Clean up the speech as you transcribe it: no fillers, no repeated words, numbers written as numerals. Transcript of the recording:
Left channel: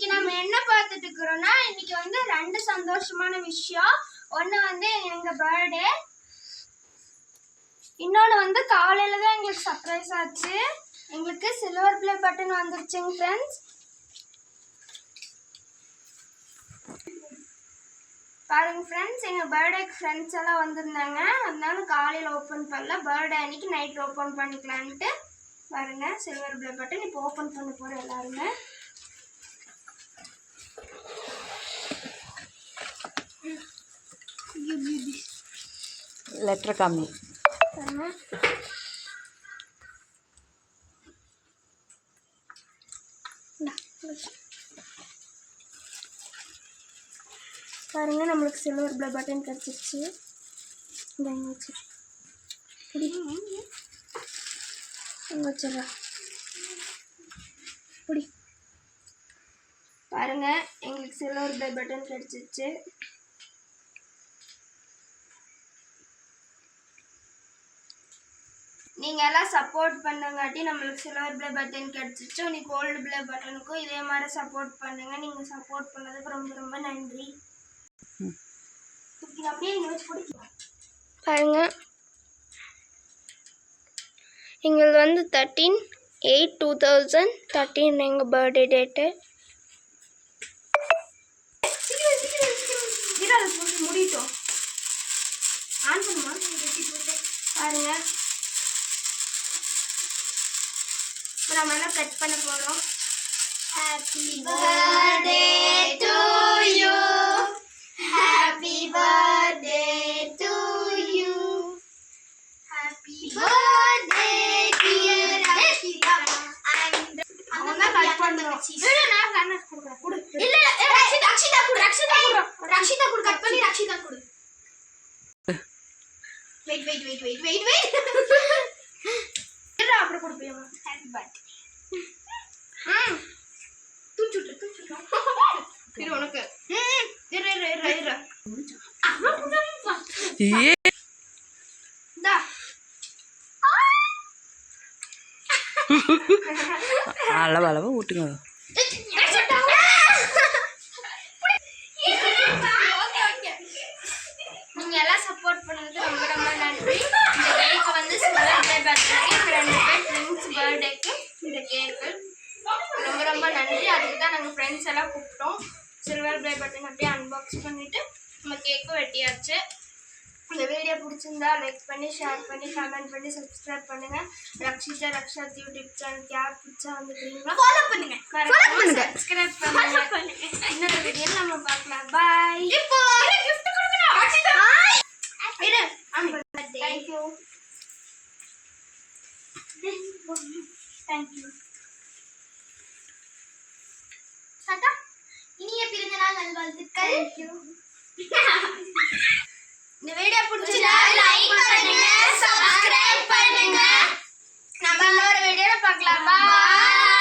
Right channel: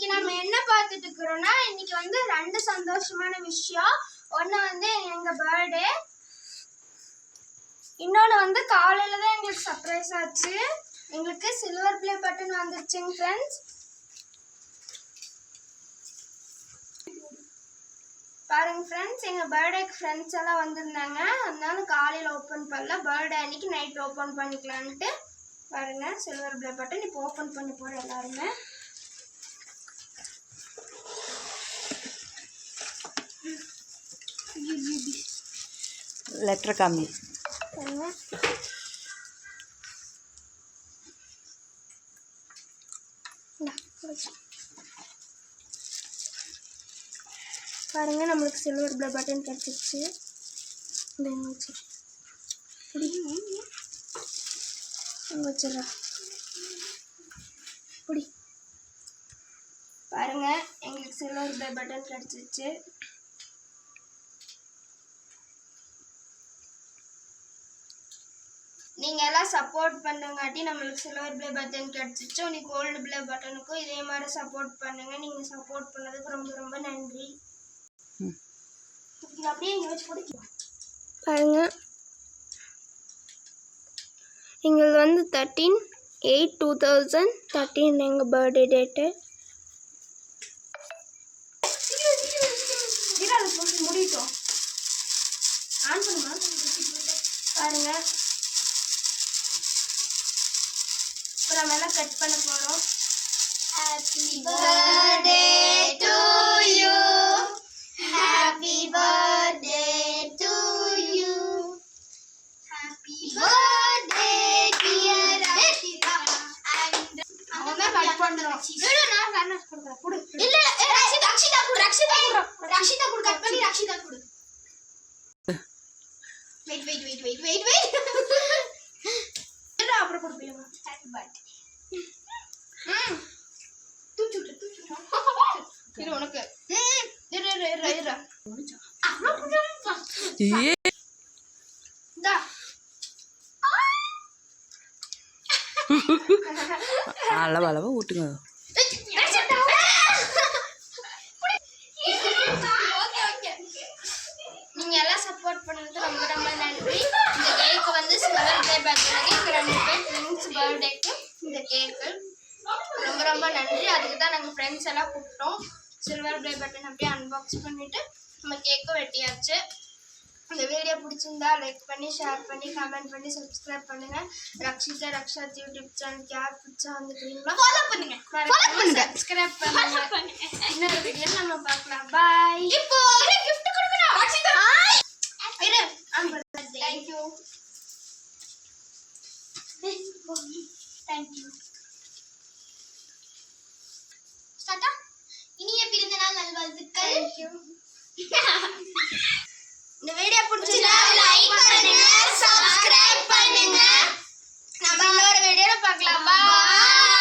இன்னைக்கு நம்ம என்ன பார்த்துட்டு இருக்கிறோம்னா இன்னைக்கு வந்து ரெண்டு சந்தோஷமான விஷயம். ஒன்று வந்து எங்க பர்த்டே, இன்னொன்று வந்து காலையில தான் எங்களுக்கு சர்ப்ரைஸ் ஆச்சு. எங்களுக்கு சில்வர் ப்ளே பட்டன் வந்துருச்சுங்க ஃப்ரெண்ட்ஸ். பாருங்க ஃப்ரெண்ட்ஸ், எங்கள் பர்த்டேக்கு ஃப்ரெண்ட்ஸ் எல்லாம் வந்திருந்தாங்க. அதனால காலையில் ஓப்பன் பண்ணல, பர்த்டே அன்னைக்கு நைட் ஓப்பன் பண்ணிக்கலான்ட்டு. பாருங்க சில்வர் ப்ளே பட்டன் இப்போ ஓப்பன் பண்ண போகிறோம் எல்லாருமே. லெட்டர் காமி பாருங்க, நம்மளுக்கு சில்வர் ப்ளே பட்டன் கிடச்சிருச்சு. இந்த எங்கே வச்சு அங்கே வச்சிடறா புடி. பாருங்க, எங்களுக்கு சில்வர் ப்ளே பட்டன் கிடச்சிருச்சு. நீங்கள் எல்லாம் சப்போர்ட் பண்ணுங்காட்டி நம்மளுக்கு சில்வர் ப்ளே பட்டன் கிடச்சிச்சு. உனக்கு கோல்டு ப்ளே பட்டனுக்கும் இதே மாதிரி சப்போர்ட் பண்ணுங்க. நீங்கள் சப்போர்ட் பண்ணதுக்கு ரொம்ப ரொம்ப நன்றி. அப்படியே இங்கே வச்சு பிடிக்கலாம். பாருங்க, எங்களுக்கு வந்து 13/8/2013 எங்கள் பர்த்டே டேட்டு. முடிட்டோம் ஆன் பண்ணுமா? பாருங்க, நம்ம எல்லாம் கட் பண்ண போகிறோம். Happy birthday to you, happy birthday to you, happy birthday dear Rakshitha. அவங்க கட் பண்றோம். நான் கொடுக்குறேன். கொடு. இல்ல ரக்ஷிதா கொடு, ரக்ஷிதா கொடு, கட் பண்ணி ரக்ஷிதா கொடு. வெயிட் இல்ல அப்புறம் கொடுப்பீங்க. Happy birthday. தூச்சு இரு உனக்கு. இரு அளவா ஊட்டுங்க. நீங்க எல்லாம் சப்போர்ட் பண்ணதுக்கு ரொம்ப ரொம்ப நன்றி. இந்த கேக் வந்து சில்வர் ப்ளே பட்டனுக்கு எங்க 2 பேர் ஃப்ரெண்ட்ஸ் பர்த்டேக்கு இந்த கேக்கு ரொம்ப ரொம்ப நன்றி. அதுக்கு தான் நாங்கள் ஃப்ரெண்ட்ஸ் எல்லாம் கூப்பிட்டோம். சில்வர் ப்ளே பட்டன் அப்படியே அன்பாக்ஸ் பண்ணிவிட்டு நம்ம கேக்கும் வெட்டியாச்சு. இந்த வீடியோ பிடிச்சிருந்தா லைக் பண்ணி, ஷேர் பண்ணி, கமெண்ட் பண்ணி, சப்ஸ்கிரைப் பண்ணுங்கள். ரக்ஷா யூடியூப் சேனலுக்கு யார் பிடிச்சா வந்துக்கிறீங்களோ ஃபாலோ பண்ணுங்கள், சப்ஸ்கிரைப் பண்ணுங்கள். இன்னொரு வீடியோ நம்ம பார்க்கலாம். பாய். இப்போ கிஃப்ட் கொடுக்கணும். ரக்ஷிதா இரு ஆன் பண்ணு. Thank you. ஸ்டார்ட். இனிய பிறந்தநாள் நல்வாழ்த்துக்கள். Thank you. இந்த வீடியோ பிடிச்சிருந்தா லைக் பண்ணுங்க, சப்ஸ்கிரைப் பண்ணுங்க. நம்ம இன்னொரு வீடியோல பார்க்கலாம். பாய்.